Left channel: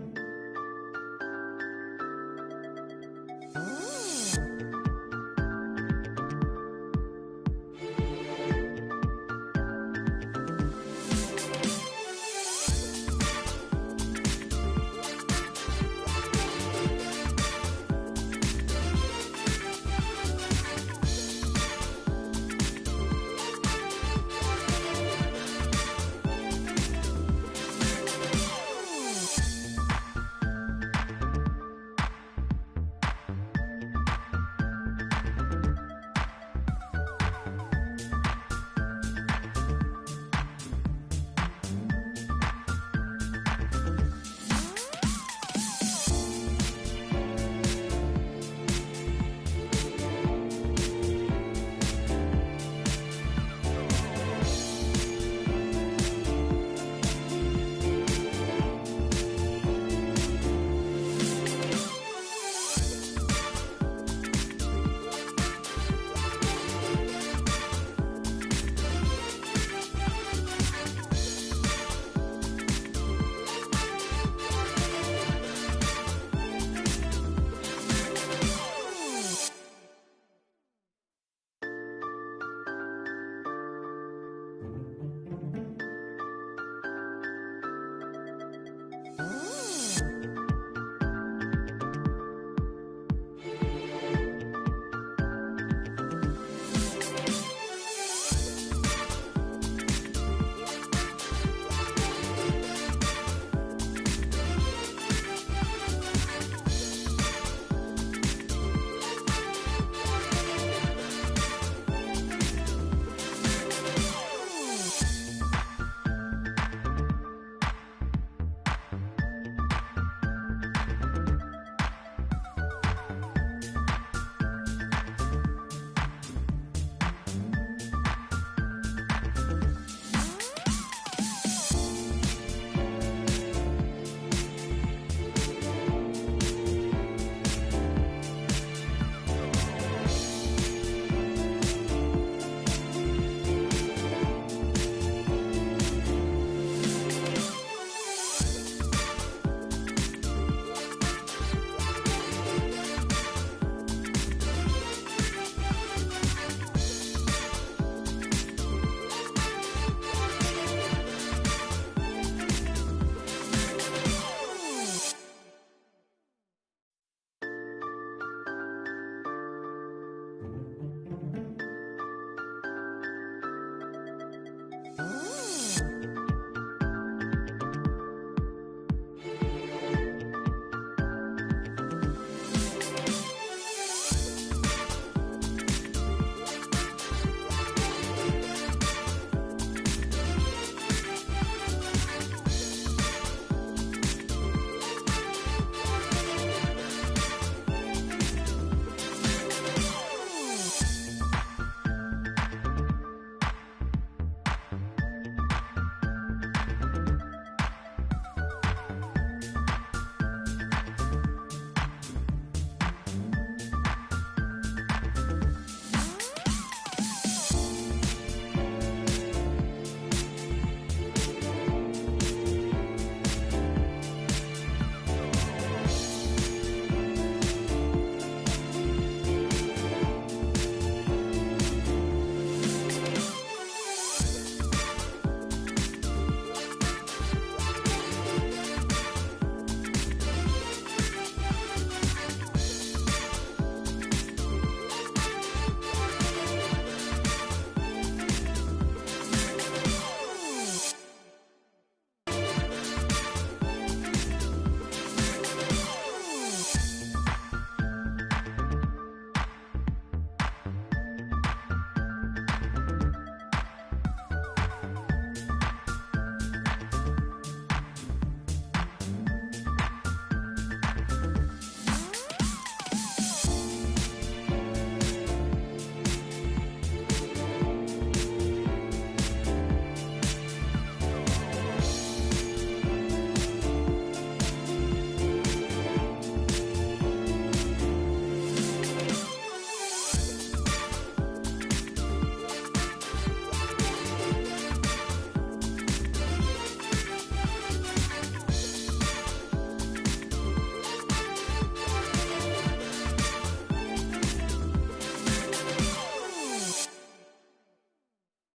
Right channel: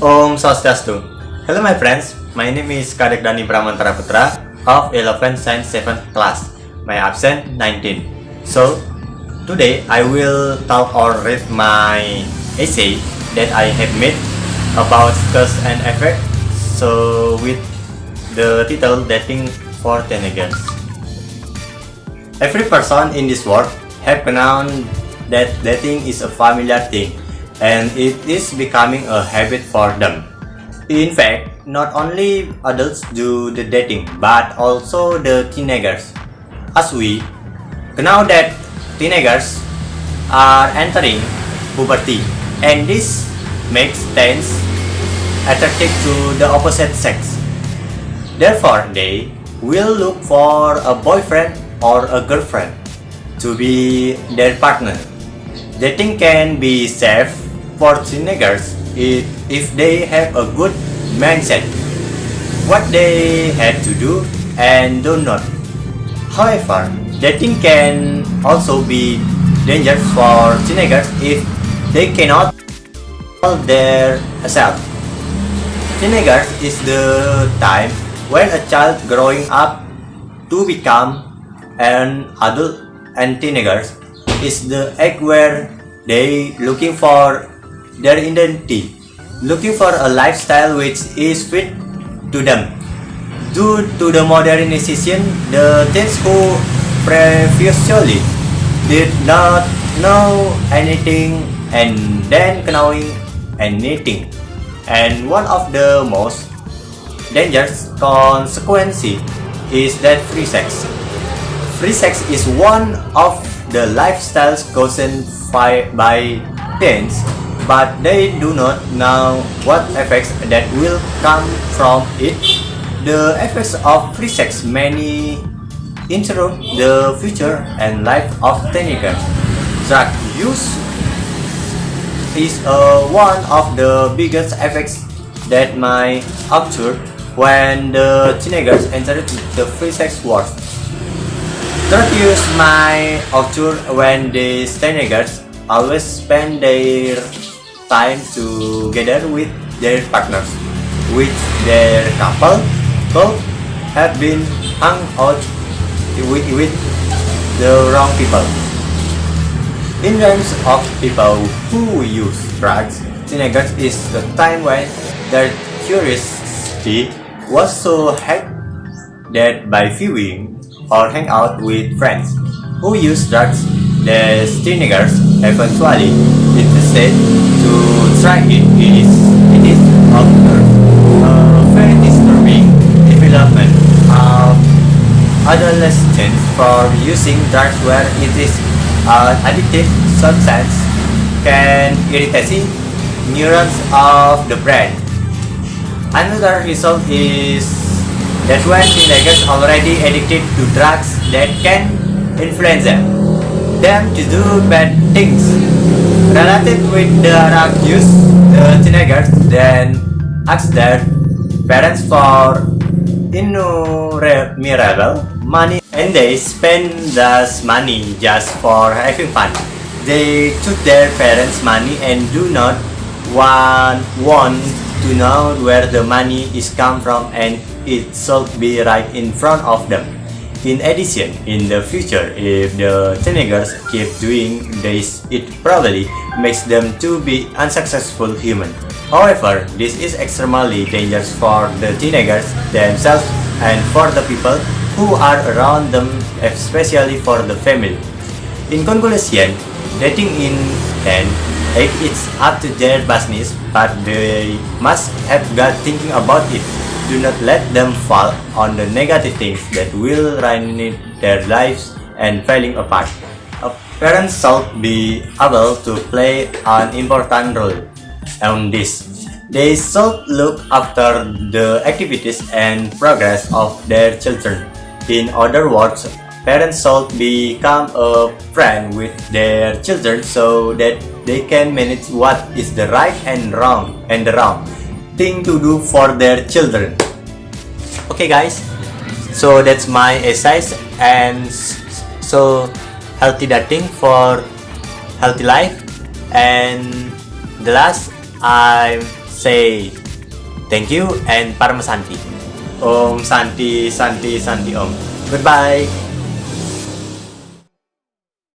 Om Swastiastu. Hello my friends, my name is Kadek Dani Pramantara Putra of 11th and 7th class. My absent 19. So, today I will talk or read my essay that I have made about cause and effect. So, with the title Dating for Teenagers. Every person in this world have known that dating is a familiar thing and it is becoming a habit for them. In fact, not only adults do the dating but also the teenagers. As we know that teenagers are entering puberty and this makes teens attracted to the opposite sex. Therefore, they will look for a boyfriend or a girlfriend to be their partner. Dating can be safe for teenagers if they have a good mindset, what they have to do and do not. However, dating can also be dangerous for teenagers if they cannot control their self. Teenagers is the time when a child growing up to become an adult, and teenagers is the age where they looking for their identity, looking for a lifestyle which is fit to them. Due to the modernization, the teens who previously did not know anything and then knowing anything. And one of the most dangerous consequences is that free sex. Free sex is one of the lifestyles chosen by teens, but they do not know what effects that will come from it. The effects of free sex may interrupt the future and life of teenagers. Drug use is one of the biggest effects that may occur when the teenagers enter the free sex world. Drug use may occur when these teenagers always spend their time together with their partners, which their couple could have been hung out with the wrong people. In terms of people who use drugs, teenagers is the time when their curiosity was so high that by viewing or hang out with friends who use drugs, the teenagers eventually interested to try it. It is observed a very disturbing development of adolescents for using drugs where it is an addictive substance can irritate neurons of the brain. Another result is that when teenagers already addicted to drugs that can influence them to do bad things. Related with the drug use, the teenagers then ask their parents for innumerable money and they spend this money just for having fun. They took their parents' money and do not want to know where the money is come from and it should be right in front of them. In addition, in the future, if the teenagers keep doing this, it probably makes them to be unsuccessful human. However, this is extremely dangerous for the teenagers themselves and for the people who are around them, especially for the family. In conclusion, dating in 10 age is up to their business, but they must have got thinking about it. Do not let them fall on the negative things that will ruin their lives and falling apart. Parents should be able to play an important role on this. They should look after the activities and progress of their children. In other words, parents should become a friend with their children so that they can manage what is the right and the wrong thing to do for their children. Okay guys, so that's my essay and so healthy dating for healthy life, and the last I say thank you and Paramasanti. Om Santi Santi Santi Om. Goodbye.